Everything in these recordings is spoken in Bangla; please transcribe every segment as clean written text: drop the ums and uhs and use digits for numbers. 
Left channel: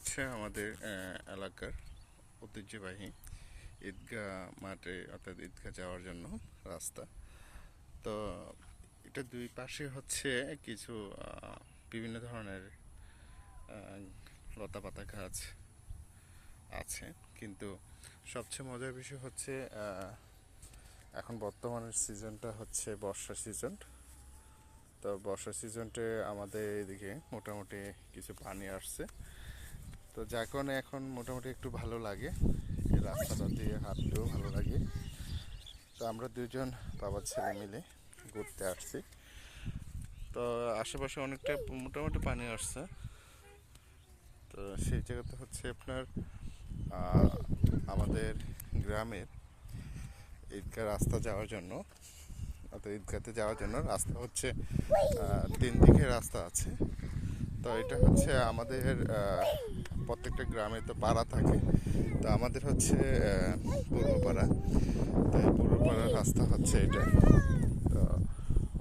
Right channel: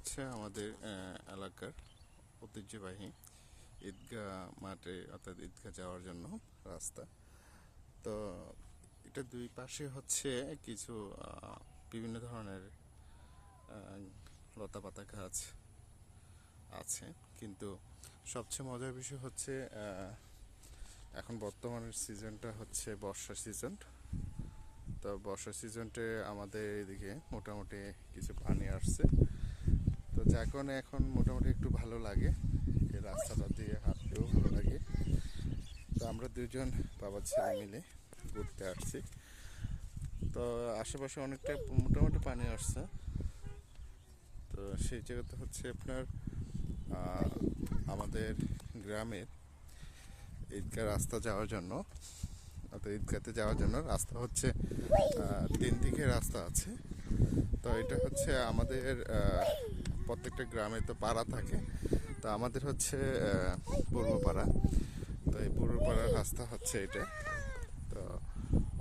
হচ্ছে আমাদের এলাকার ঐতিহ্যবাহী ঈদগাহ মাঠে অর্থাৎ ঈদগাহ যাওয়ার জন্য রাস্তা। তো এটা দুই পাশে হচ্ছে কিছু বিভিন্ন ধরনের লতাপাতা গাছ আছে, কিন্তু সবচেয়ে মজার বিষয় হচ্ছে এখন বর্তমানের সিজনটা হচ্ছে বর্ষা সিজন। তো বর্ষা সিজনটে আমাদের এদিকে মোটামুটি কিছু পানি আসছে, তো যার কারণে এখন মোটামুটি একটু ভালো লাগে, এই রাস্তাটা দিয়ে হাঁটতেও ভালো লাগে। তো আমরা দুজন বাবা ছেলে মিলে ঘুরতে আসছি। তো আশেপাশে অনেকটা মোটামুটি পানি আসছে। তো সেই জায়গাতে হচ্ছে আপনার আমাদের গ্রামে ঈদগাহ রাস্তা যাওয়ার জন্য, অর্থাৎ ঈদগাহতে যাওয়ার জন্য রাস্তা হচ্ছে 3 দিকে রাস্তা আছে। তো এটা হচ্ছে আমাদের প্রত্যেকটা গ্রামে তো পাড়া থাকে, তো আমাদের হচ্ছে পূর্ব পাড়া। তো এই পূর্ব পাড়ার রাস্তা হচ্ছে এটা। তো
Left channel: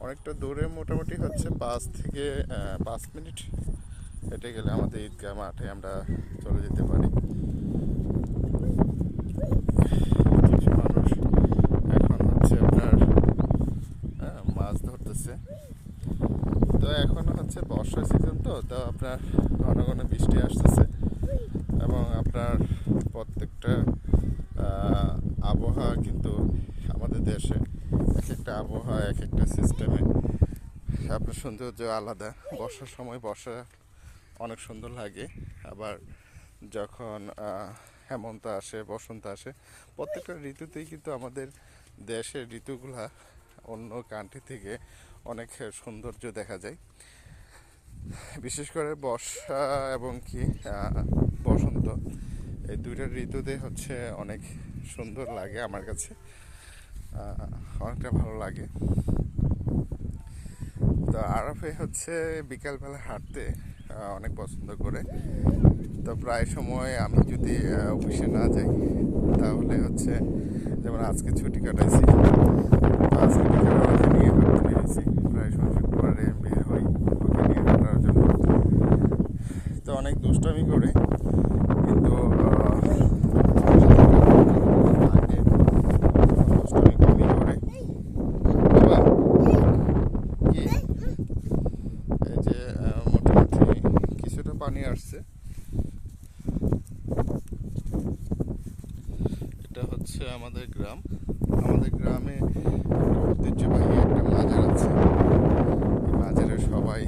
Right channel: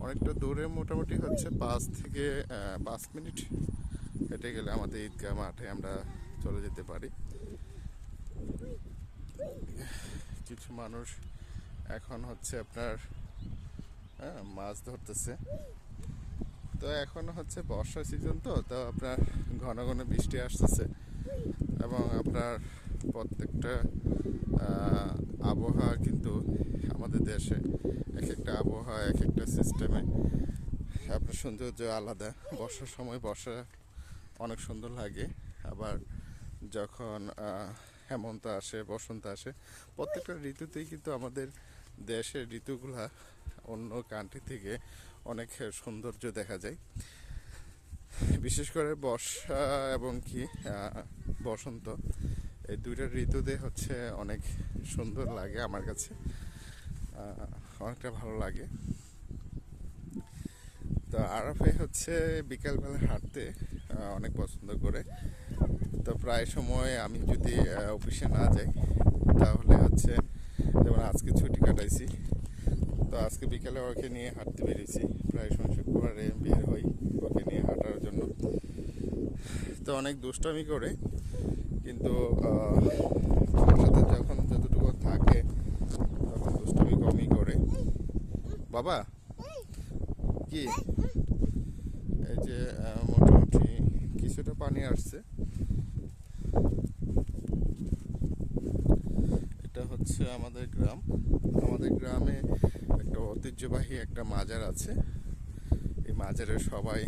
অনেকটা দূরে, মোটামুটি হচ্ছে 5 থেকে 5 মিনিট হেঁটে গেলে আমাদের ঈদগাহ মাঠে আমরা চলে যেতে পারি। কিছু মানুষ এখন হচ্ছে আপনার মাছ ধরতেছে। তো এখন হচ্ছে বর্ষা সিজন, তো আপনার ঘন ঘন বৃষ্টি আসতেছে এবং আপনার প্রত্যেকটা আবহাওয়া কিন্তু আমাদের দেশে এক একটা আবহাওয়া এক একটা সিস্টেমে আপনার সৌন্দর্য আলাদা। বর্ষার সময় বর্ষা অনেক সুন্দর লাগে, আবার যখন হেমন্ত আসে, বসন্ত আসে, প্রত্যেকটা ঋতুতেই কিন্তু আমাদের দেশের ঋতুগুলা অন্য কান্ট্রি থেকে অনেক সৌন্দর্য দেখা যায়। বিশেষ করে বর্ষা এবং কি বসন্ত, এই দুইটা ঋতুতে হচ্ছে অনেক সুন্দর লাগে আমার কাছে, অনেকটা ভালো লাগে। তো আরাফে হচ্ছে বিকালবেলা হাঁটতে অনেক পছন্দ করে। তো প্রায় সময় আমি যদি অফিসে না যাই তাহলে হচ্ছে, যেমন আজকে ছুটি কাটাইছি, আজকে বিকালে ওকে নিয়ে হাঁটতে বেরিয়েছি। প্রায় সময় শুক্রবারে বের হই ওকে নিয়ে হাঁটার জন্য। তো অনেক দুষ্টামি করে, কিন্তু দুষ্টামি কমই করে। বাবা কি, এই যে মোটামুটি কিছুটা পানি আসছে। এটা হচ্ছে আমাদের গ্রাম। আমাদের গ্রামে ঐতিহ্যবাহী একটা মাজার আছে, মাজারে সবাই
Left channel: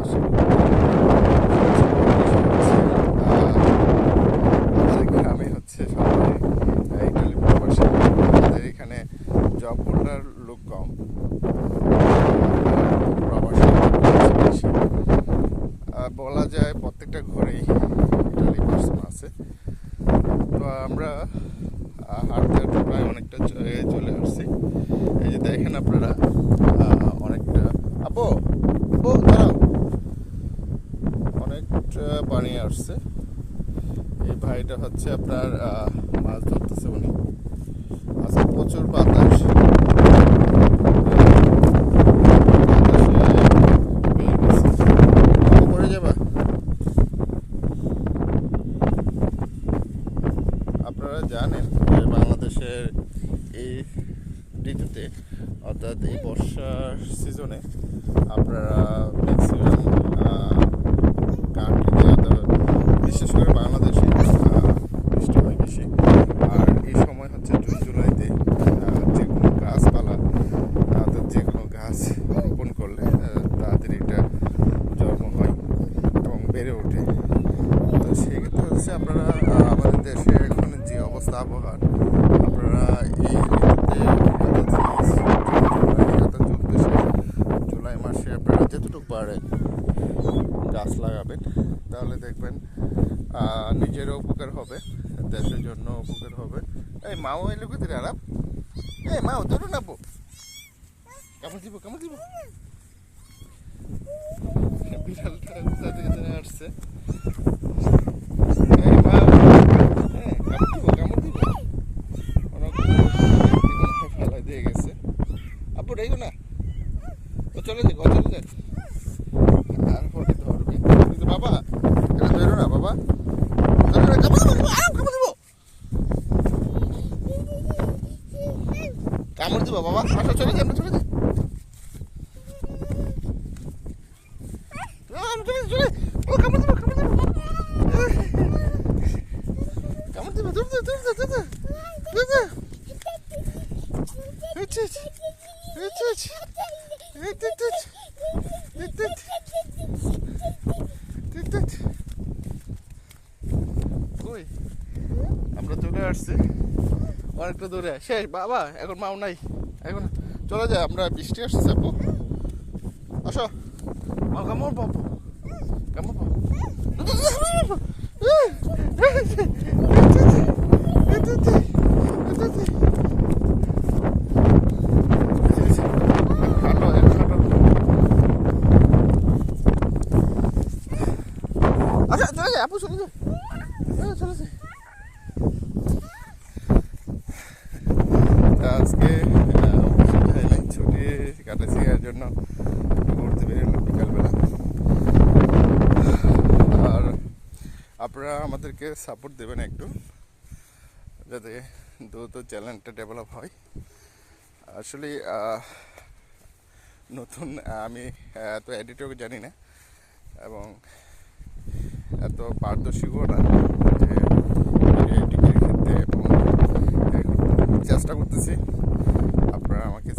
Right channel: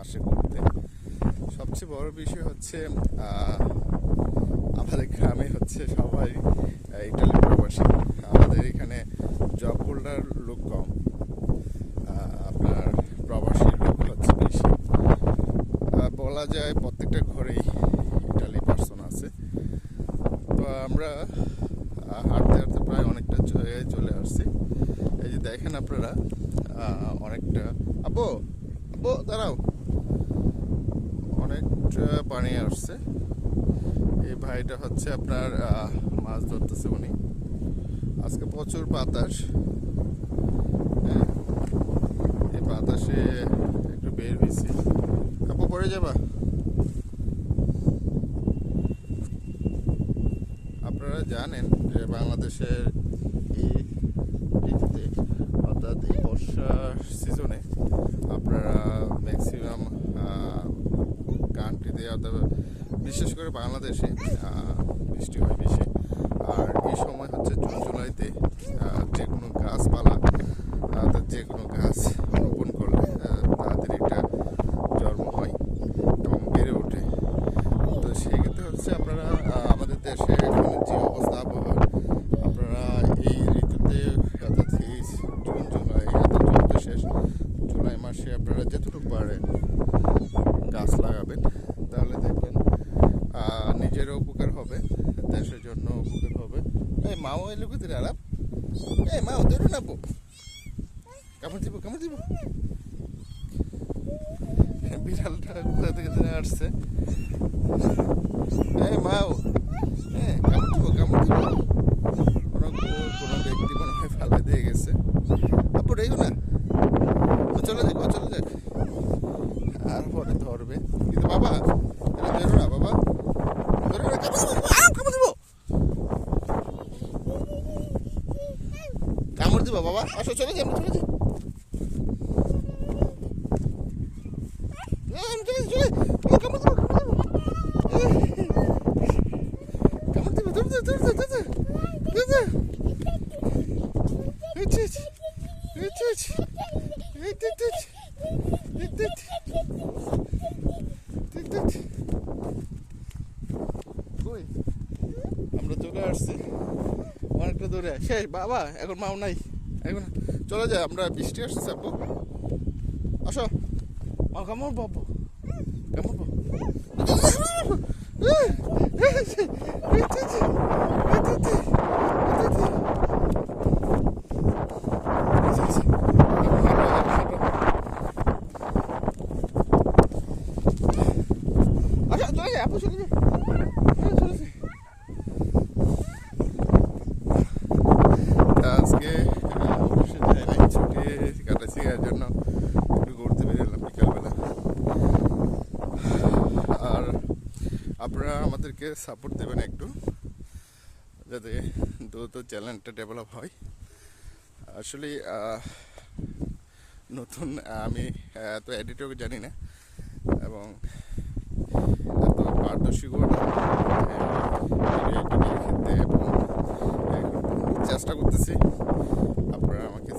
আসে। আমাদের গ্রামে হচ্ছে সবাই ইটালি প্রবাসী, আমাদের এখানে জব হোল্ডার লোক কম, প্রবাসী বলা যায়। প্রত্যেকটা ঘরেই ইটালি পার্সন আছে। তো আমরা হাঁটতে হাঁটতে প্রায় অনেকটা চলে আসছি। এই যে দেখেন আপনারা, অনেকটা আব্বু আব্বু দাঁড়াও, অনেকটা পানি আসছে। এই ভাইটা হচ্ছে আপনার মাছ ধরতেছে উনি। আজকে প্রচুর বাতাস, বাতাসে বের গেছে। আব্বু পড়ে যাবা? আপনারা জানেন যে বাংলাদেশের এই ঋতুতে, অর্থাৎ এই বর্ষা সিজনে, আপনারা ম্যাক্সিমাম কান্ট্রিতে, অর্থাৎ বিশেষ করে বাংলাদেশে বৃষ্টি হয় বেশি। আর এই সময় হচ্ছে জুন জুলাইতে যে কোনো গাছপালা, অর্থাৎ যে কোনো গাছ রোপণ করলে তাড়াতাড়ি এটা জন্ম হয় এবং বেড়ে ওঠে। তো সেক্ষেত্রে হচ্ছে আপনারা আমাদের দেশে এখন যে অবস্থা আবহাওয়া, আপনারা এই ঋতুতে জুলাই মাসে আপনারা যতটুকু পারেন গাছ লাগাবেন, তাহলে দেখবেন নিজেরও উপকার হবে, দেশের জন্য উপকার হবে। এই মাও এলো কোথায় আরাম? এই মাও ধরো না, কামড় দিব কামড় দিব। বিড়ালটা কোথা থেকে আসছে? এই মা, হ্যাঁ কামড় দিব কামড় দিব। ফেলা দিয়ে গেছে। আপু রেগো না, চলে যাক চলে যাক, তারপরে ধরবে। কিন্তু বাবা এটা ধরো না বাবা। দিব বাবা, আসো চলে যাই, আমরা চলে যাই। আমি চলে চলে ও কামড় দিব, কামড় দিব, কামড় দিব, দূর দূর দূর দূর দূর দূর দূর। কই আমরা চলে আসছি অনেকটা দূরে, শেষ বাবা, এখন মাও নাই, এখন চলে যায়, আমরা বৃষ্টি আসছে আপু, আসো মা, কামড় বাবু, কামড় বাবু। আচ্ছা চলে যায় আপু, চলে যায়, চলে যায়। আজকে ছুটি কাটাচ্ছি, এর জন্য একটু ঘুরতে বেরোলাম বিকালবেলা। আর আপনারা আমাদেরকে সাপোর্ট দেবেন একটু, যাতে দ্রুত চ্যানেলটা ডেভেলপ হয়। আসলে নতুন, আমি এত এডিটও জানি না এবং এত পারদর্শীও না, এবং চেষ্টা করতেছি, আপনারা আমাকে